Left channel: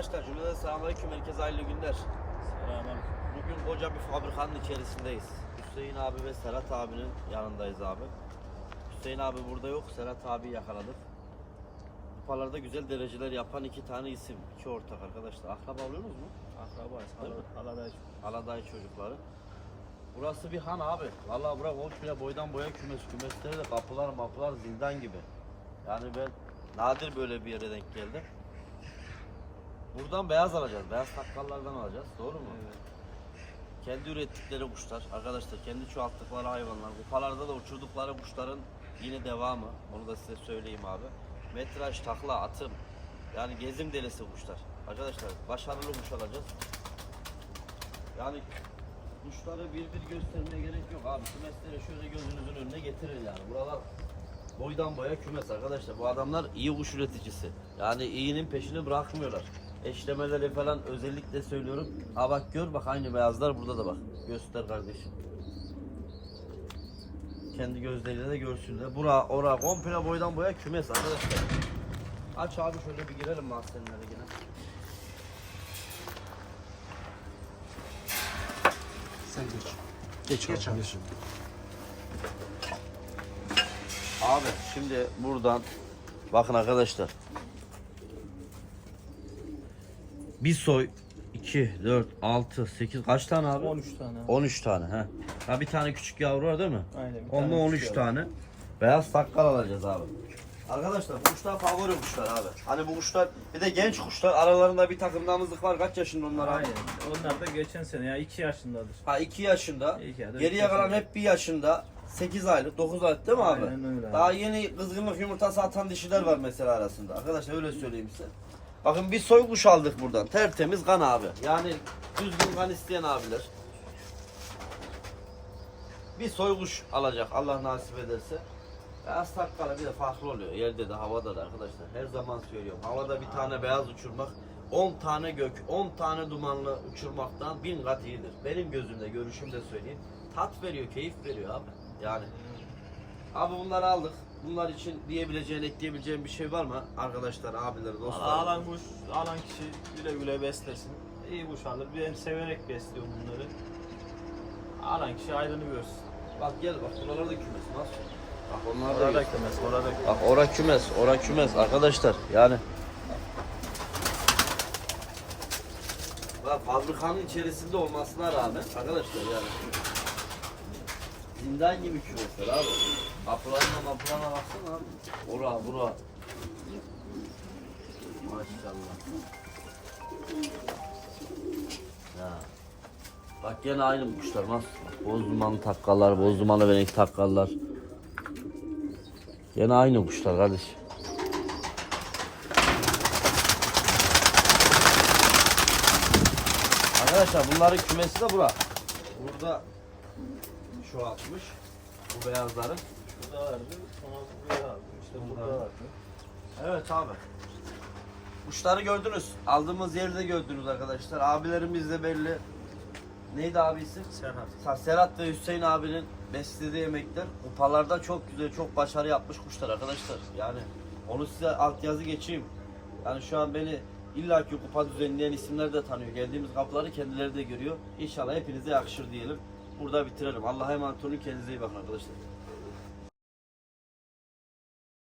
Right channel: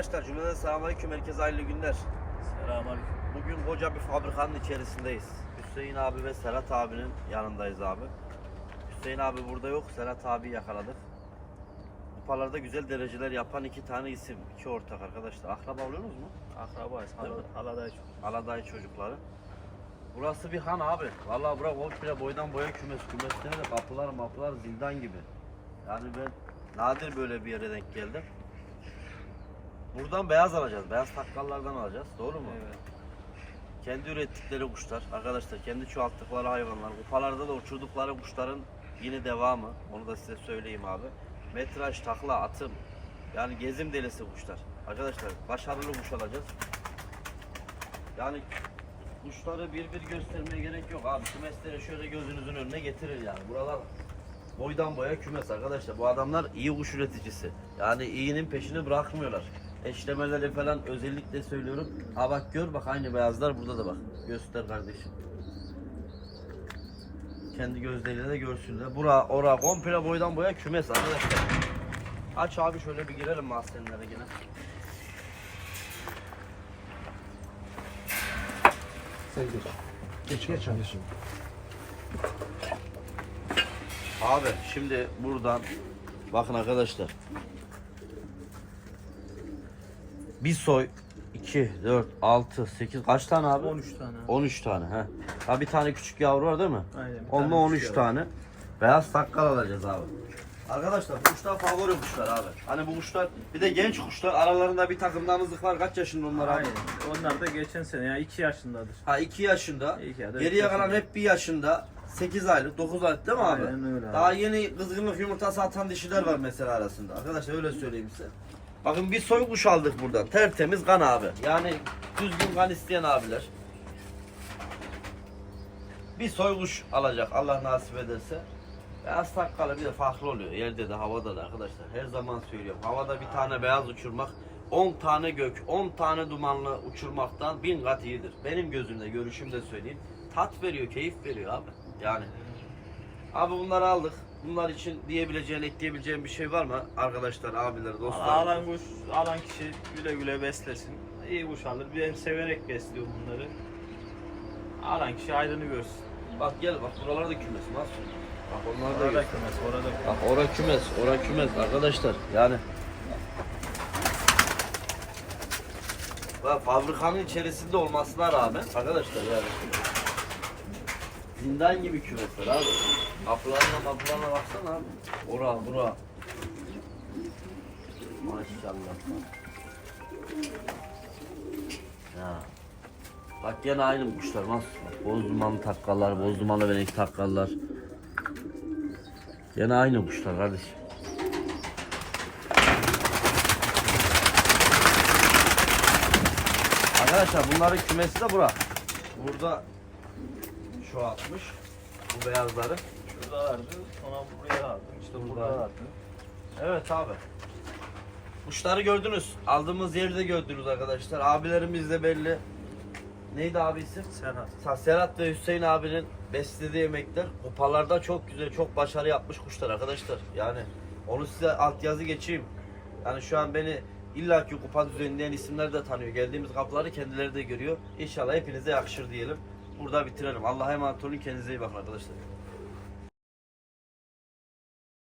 Arkadaşlar cümleden selamünaleyküm herkese hayırlı günler. Selamünaleyküm. Bugün koca bir fabrikanın içerisindeyiz. Hüseyin abi ve Serhat abinin yanındayız abi. Hüseyin abi burada yok, Serhat abi yakaladık. Kupalarda güzel dereceler yapan iki tane isim, iki ortak arkadaşlar. Akraba oluyorsunuz mu? Akrabayız. Hala, haladayız. Aladay çocukları. Burası bir han abi. Vallahi bura komple boydan boya kümes. Kümesleri de kapılar mapılar zindan gibi. Yani ben nadir böyle bir yere denk geldim. Buradan beyaz alacağız. Beyaz takkallardan alacağız. Doğru mu? Evet. Kendi ürettikleri kuşlar. Arkadaşlar kendi çoğalttıkları hayvanlar. Kupalarda da uçurdukları kuşların yine devamı. Onu da size söyleyeyim abi. Metraj, takla, atım. Yani gezim delisi kuşlar. Arkadaşlar başarılı kuş alacağız. Yani kuşları bir bir göstermeye gerek yok abi. Kümesleri şöyle gözünüzün önüne getirir yani. Buralar boydan boya kümes arkadaşlar. Bu adamlar iyi kuş üreticisi. Yani iyinin peşini bırakmıyorlar. Eşlemeleri falan özellikle söylüyorum. Ha bak gör bak aynı beyazlar burada da bak. Göster kardeşim. Kendi gözleriyle de görsünler. Bura, ora komple boydan boya kümes arkadaşlar. Aç abi şöyle bir girelim mahzenlere yine. Sen geç. Geç geç abi. Abi şimdi buradan bakın arkadaşlar. Bir soy 2, 4, 6, 8 kaç tane abi? 13 tane. 13 tane he. Ha bir tane küçük yavru var değil mi? Aynen. Onunla tane 13 küçük tane. Beyaz takkal alacağız abi. Arkadaşlar bu kuşlar favori kuşlar abi. Hani bu kuşlar bir de genç kuşlar aralarında bir takım damızlık var. Kaç yaşında onlar abi? Aynen. Onlar da geçen sene ya 2 yaşındadır. Ha 2 yaşında. İki ya Geriye yaşında. kalan hep 1 yaşında. 8 aylık, 9 aylık değil mi abi? Aynen öyle abi. Daha yeni kızgınlık yumurtası atan dişiler var mesela arasında. Arkadaşlar öyle söyleyeyim size. Bakın bir soy kuş aldık buradan. Tertemiz kan abi. Yani düzgün kan isteyen abiler. Bir soy kuş alacak Allah nasip ederse. Beyaz takkalı bir de farklı oluyor. Yerde de havada da arkadaşlar. Her zaman söylüyorum. Havada bir tane beyaz uçurmak 10 tane gök, 10 tane dumanlı uçurmaktan bin kat iyidir. Benim gözümde, görüşümde söyleyeyim. Tat veriyor, keyif veriyor abi. Yani. Abi bunları aldık. Bunlar için diyebileceğin, ekleyebileceğin bir şey var mı? Arkadaşlar, abiler, dostlar. Alan kuş, alan kişi güle güle beslesin. İyi kuş alır. Ben severek besliyorum bunları. Alan kişi ayrını görsün. Bak gel bak buralarda kümes. Nasıl? Bak onlar da Orada kümes, orada kümes. Bak ora kümes, ora kümes arkadaşlar. Yani Bak fabrikanın içerisinde olmasına rağmen arkadaşlar yani zindan gibi kümesler abi. Kapılarına kapılarına baksana abi. Ora bura. Maşallah. Ya. Bak gene aynı kuşlar nasıl? Bak, boz dumanlı takkallar, boz dumanlı venek takkallar. Gene aynı kuşlar kardeşim. Arkadaşlar bunların kümesi de bura. Burada şu atmış. Bu beyazları. Şurada vardı. Sonra buraya aldım. İşte burada vardı. Evet abi. Kuşları gördünüz. Aldığımız yeri de gördünüz arkadaşlar. Abilerimiz de belli. Neydi abi isim? Serhat. Serhat ve Hüseyin abinin beslediği yemekler kupalarda çok güzel, çok başarı yapmış kuşlar arkadaşlar. Yani onu size altyazı geçeyim. Yani şu an beni illaki kupa düzenleyen isimler de tanıyor. Geldiğimiz kapıları kendileri de görüyor. İnşallah hepinize yakışır diyelim. Burada bitirelim. Allah'a emanet olun. Kendinize iyi bakın arkadaşlar.